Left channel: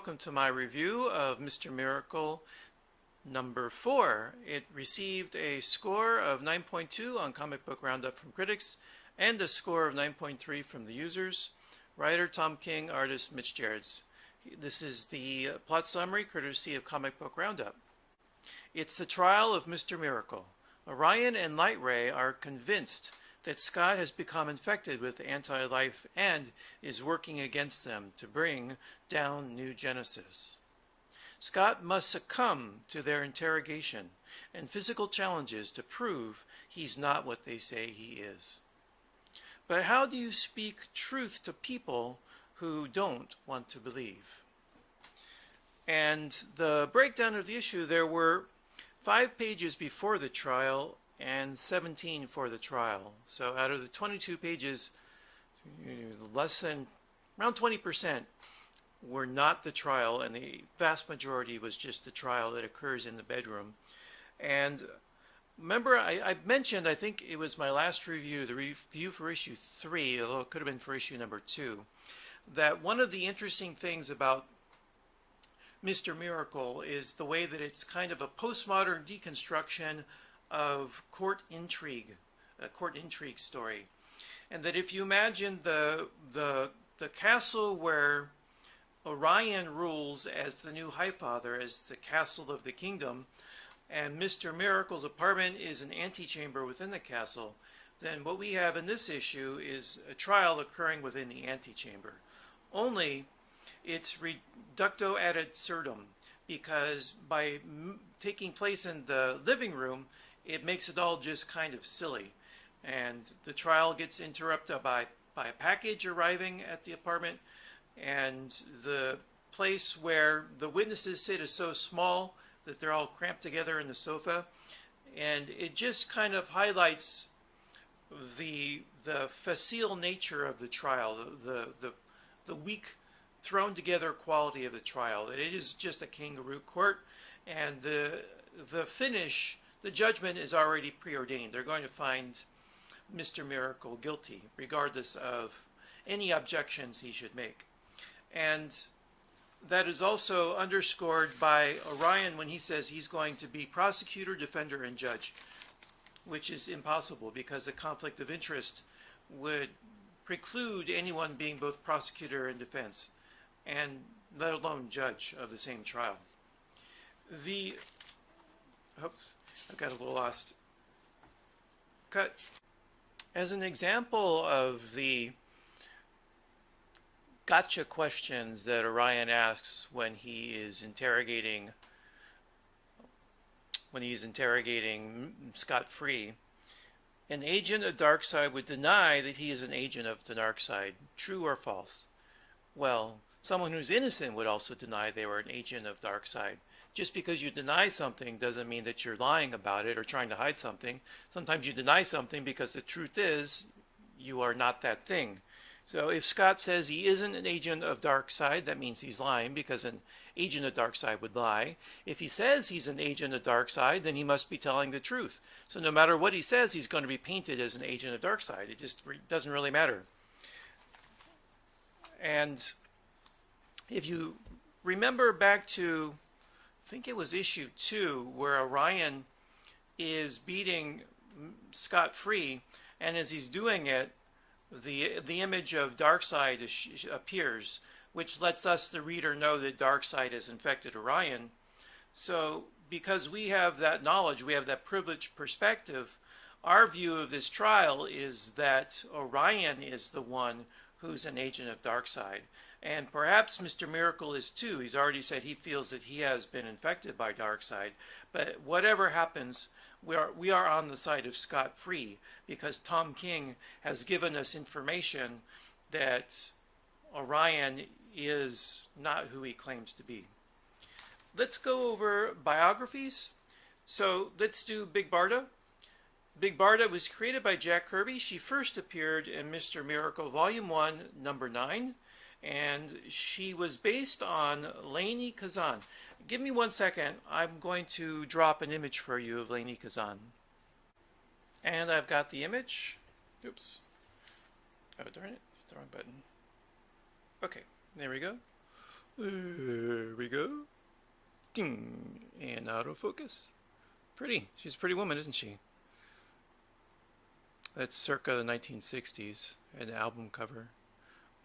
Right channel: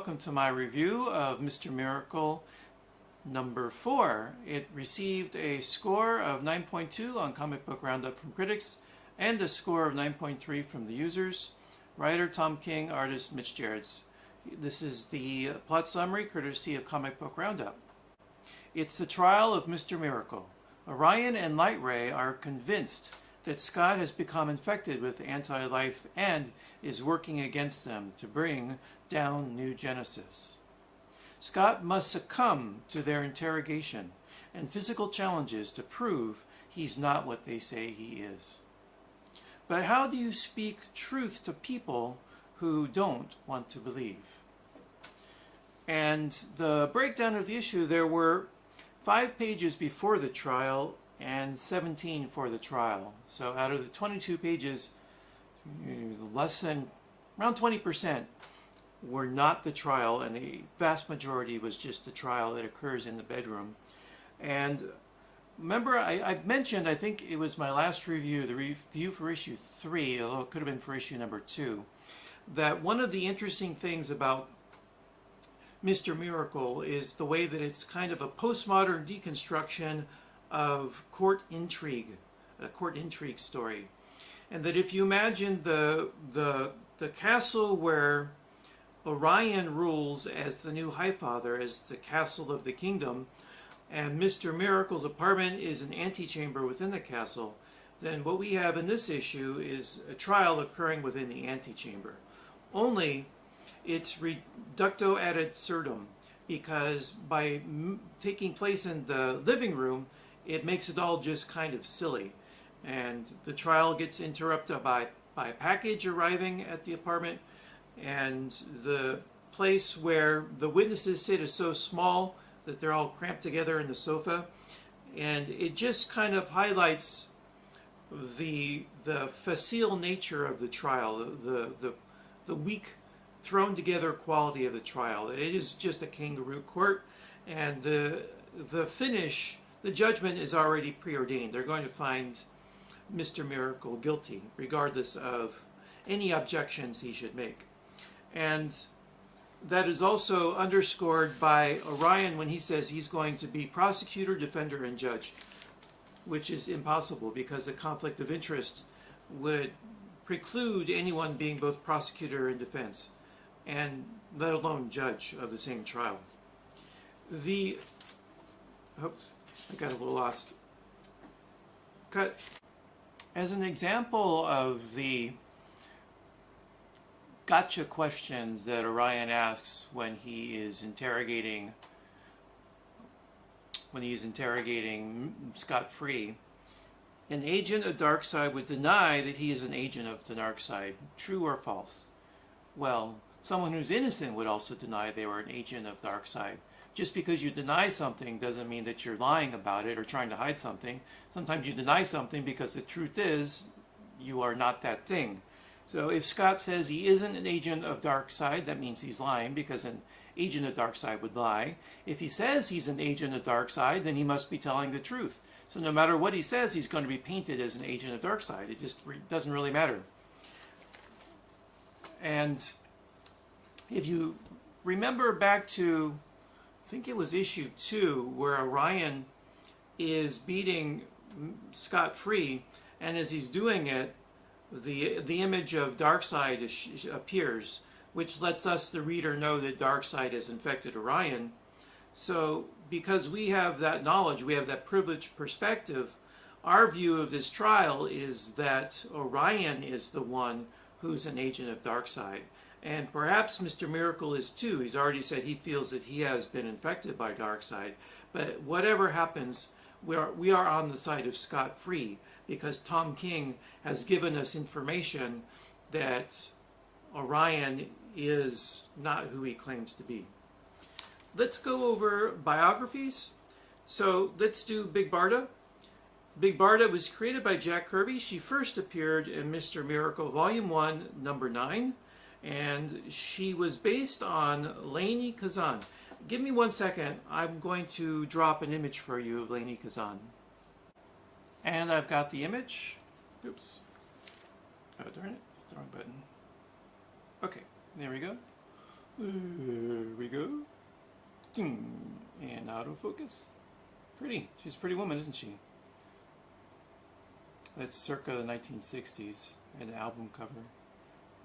welcome to my review of Mr. Miracle number 4. It received a score of 9.2 on Comic Book Roundup from critics and a score of 9.3 from the users. Writer Tom King, artist Mitch Gerads. This is the plot summary courtesy of Comic Book Roundup. It's the trial of Mr. Miracle. Orion and Light Ray are convinced that Scott has become infected with anti-life and is working against them to bring down New Genesis. Scott must succumb to their interrogation and physical challenges to prove he's not what they say he is. But how do you speak truth to people who don't want to believe? And the breakdown of the issue, there were 5 pages before the trial and 17 for the trial. So out of the 22 pages, less than around 20% were not the trial, and the vast majority was just the trial that occurs in the bedroom. And remember, I mentioned, I think it was my last review, the review for issue 3, although it could have been for issue number 2, that one of the interesting things about Mr. Miracle is the way that it's kind of a postmodern deconstruction of court intrigue, a court intrigue story. And that if you imagine the castle where Orion rules as the new Highfather, as the castle of the kingdom, and Mr. Miracle's apartment is an antechamber within the castle, then what we have in this issue is a trial occurring within the antechamber. Only it's reducto ad absurdum, because by taking place in the living room, it makes it all just kind of silly. And the trial gets interrupted by a package arriving at the apartment, and the place where the witnesses sit is so small that they're all cramped together in the sofa. And it just kind of highlights the facile nature of the trial, the weak, thrown together quality of the trial. That it is just a kangaroo court, and the finish, the judgment is already preordained. They're going to find Mr. Miracle guilty, regardless of any objections he should make. And that is also underscored by Orion when he says he's going to be prosecutor, defender, and judge, which is impossible because the conflict of interest would preclude anyone being both prosecutor and defense, and let alone judge of the same trial. Oops, I got a little lost. Cut. As an example of the gotcha questions that Orion asks when he is interrogating Scott Free, an agent of Darkseid would deny that he is an agent of the Darkseid. True or false? Well, someone who's innocent would also deny they were an agent of Darkseid. Just because you deny something doesn't mean that you're lying about it or trying to hide something. Sometimes you deny something because the truth is you are not that thing. So if Scott says he isn't an agent of Darkseid, that means he's lying, because an agent of Darkseid would lie. If he says he's an agent of Darkseid, then he must be telling the truth. So no matter what he says, he's going to be painted as an agent of Darkseid. It just doesn't really matter. And if you remember back to, I think it was issue 2, where Orion is beating Scott Free, and as he's doing it, the image of Darkseid appears, which lets us, the reader, know that Darkseid has infected Orion. So because we have that knowledge, we have that privileged perspective, our view of this trial is that Orion is the one who's an agent of Darkseid. And perhaps Mr. Miracle is too. He's already said he feels that he has been infected by Darkseid. But whatever happens, we are on the side of Scott Free, because Tom King has given us information that Orion is not who he claims to be. Let's go over biographies. So let's do Big Barda. Big Barda was created by Jack Kirby. She first appeared in Mr. Miracle Volume 1, number 9. And she was based on Lainey Kazan. Give me 1 second. I'm going to drop an image for you of Lainey Kazan. And I've got the image. Oops. Oh, darn it. The wrong button. Okay, there we go. And autofocus. Pretty. She's a pretty woman, isn't she? That's circa the 1960s, an album cover.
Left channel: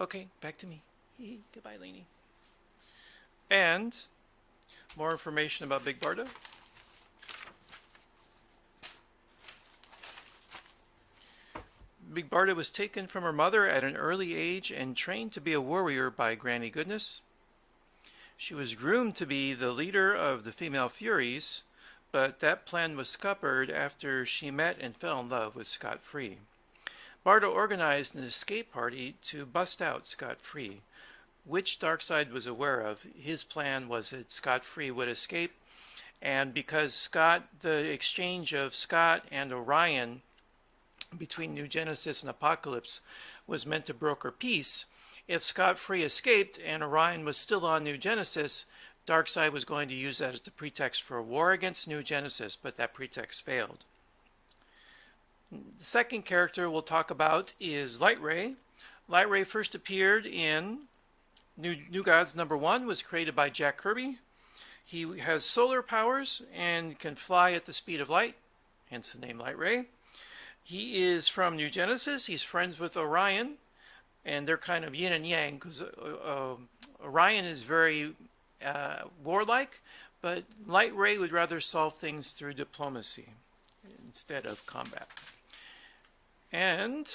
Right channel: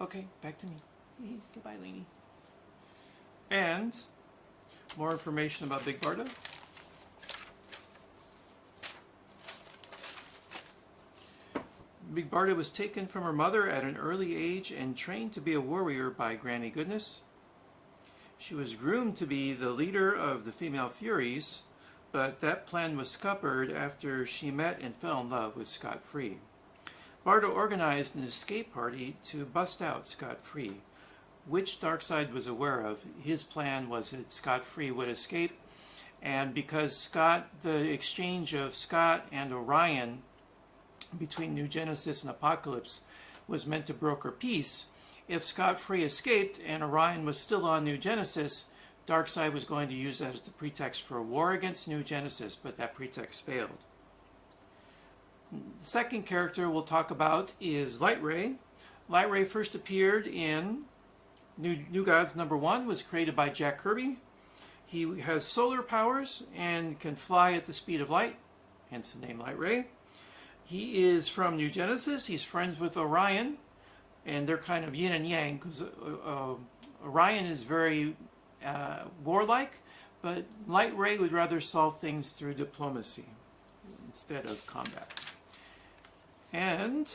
Okay, back to me. Goodbye, Lainey. And more information about Big Barda. Big Barda was taken from her mother at an early age and trained to be a warrior by Granny Goodness. She was groomed to be the leader of the female Furies, but that plan was scuppered after she met and fell in love with Scott Free. Barda organized an escape party to bust out Scott Free, which Darkseid was aware of. His plan was that Scott Free would escape, and because the exchange of Scott and Orion between New Genesis and Apocalypse was meant to broker peace, if Scott Free escaped and Orion was still on New Genesis, Darkseid was going to use that as the pretext for a war against New Genesis, but that pretext failed. The second character we'll talk about is Lightray. Lightray first appeared in New Gods #1, was created by Jack Kirby. He has solar powers and can fly at the speed of light, hence the name Lightray. He is from New Genesis. He's friends with Orion, and they're kind of yin and yang, because Orion is very warlike, but Lightray would rather solve things through diplomacy instead of combat. And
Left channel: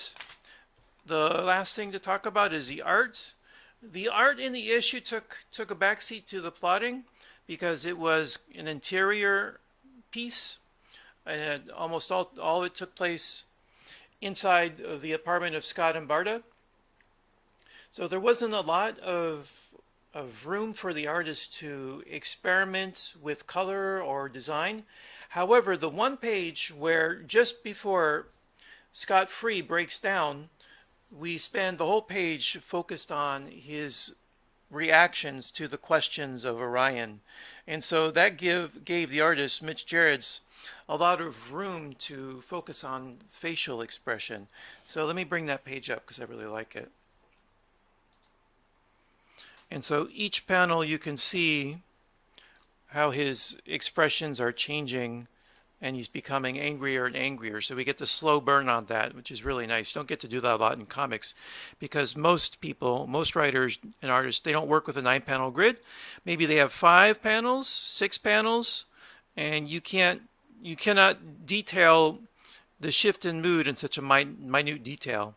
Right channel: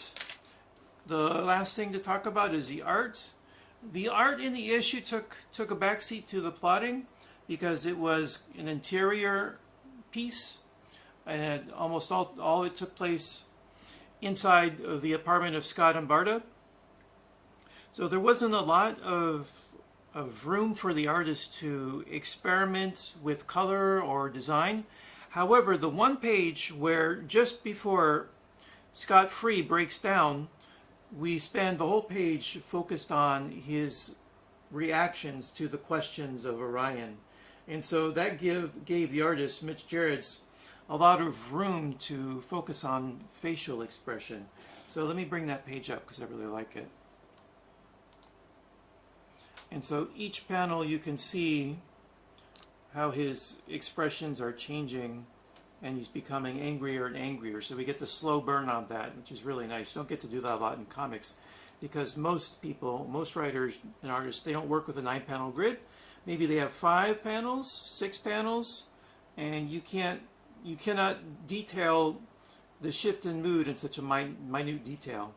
the last thing to talk about is the art. The art in the issue took a backseat to the plotting because it was an interior piece, and almost all of it took place inside of the apartment of Scott and Barda. So there wasn't a lot of room for the artist to experiment with color or design. However, the one page where just before Scott Free breaks down, we spend the whole page focused on his reactions to the questions of Orion. And so that gave the artist, Mitch Gerads, a lot of room to focus on facial expression. So let me bring that page up because I really like it. And so each panel you can see how his expressions are changing, and he's becoming angrier and angrier. So we get the slow burn on that, which is really nice. Don't get to do that a lot in comics because most people, most writers and artists, they don't work with a 9-panel grid. Maybe they have 5 panels, 6 panels, and you cannot detail the shift in mood in such a minute detail.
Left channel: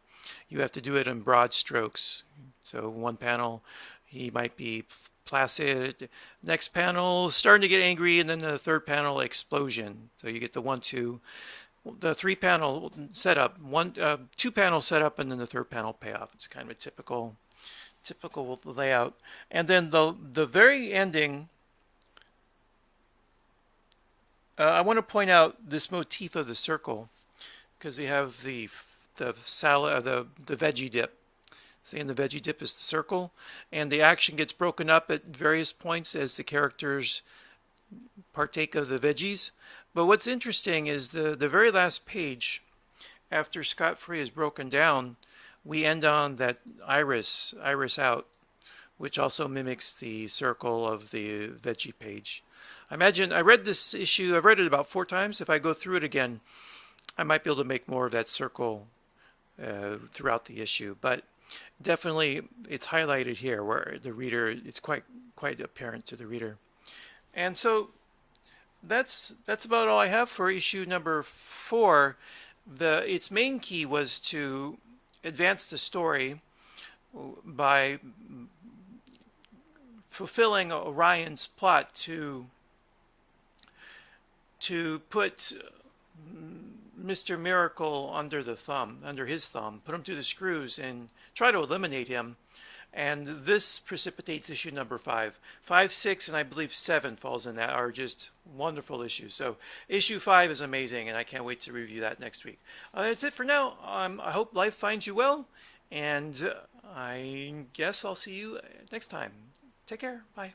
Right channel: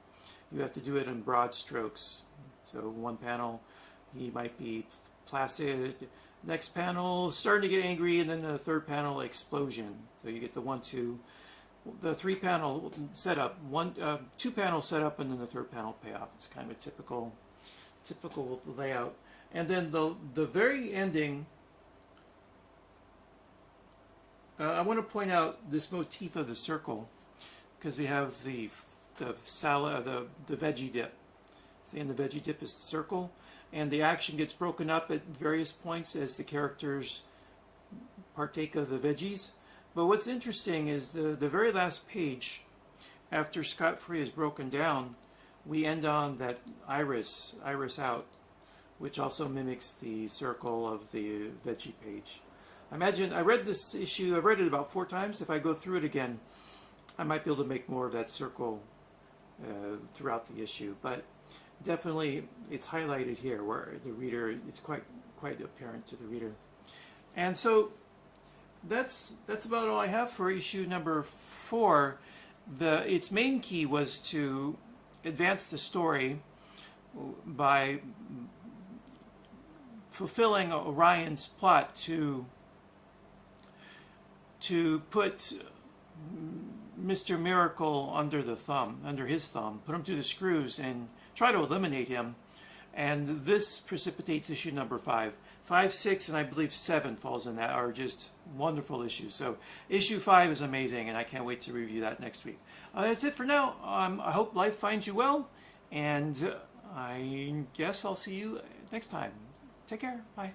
You have to do it in broad strokes. So one panel, he might be placid. Next panel, starting to get angry, and then the third panel, explosion. So you get the 1, 2, the 3-panel setup, 2-panel setup, and then the third panel payoff. It's kind of a typical layout. And then the very ending, I want to point out this motif of the circle because we have the salad, the veggie dip. Saying the veggie dip is the circle, and the action gets broken up at various points as the characters partake of the veggies. But what's interesting is the very last page, after Scott Free is broken down, we end on that iris out, which also mimics the circle of the veggie page. I read this issue, I've read it about 4 times. If I go through it again, I might be able to make more of that circle throughout the issue. But definitely it's highlighted here where the reader, it's quite apparent to the reader. And so that's about all I have for issue #4. Its main key was to advance the story by fulfilling Orion's plot to put Mr. Miracle under his thumb, put him through the screws and try to eliminate him. And this precipitates issue #5. 5, 6, and I believe 7 falls in that, are just wonderful issues. So issue 5 is amazing, and I can't wait to review that next week. That's it for now. I hope life finds you well, and I guess I'll see you next time. Take care. Bye.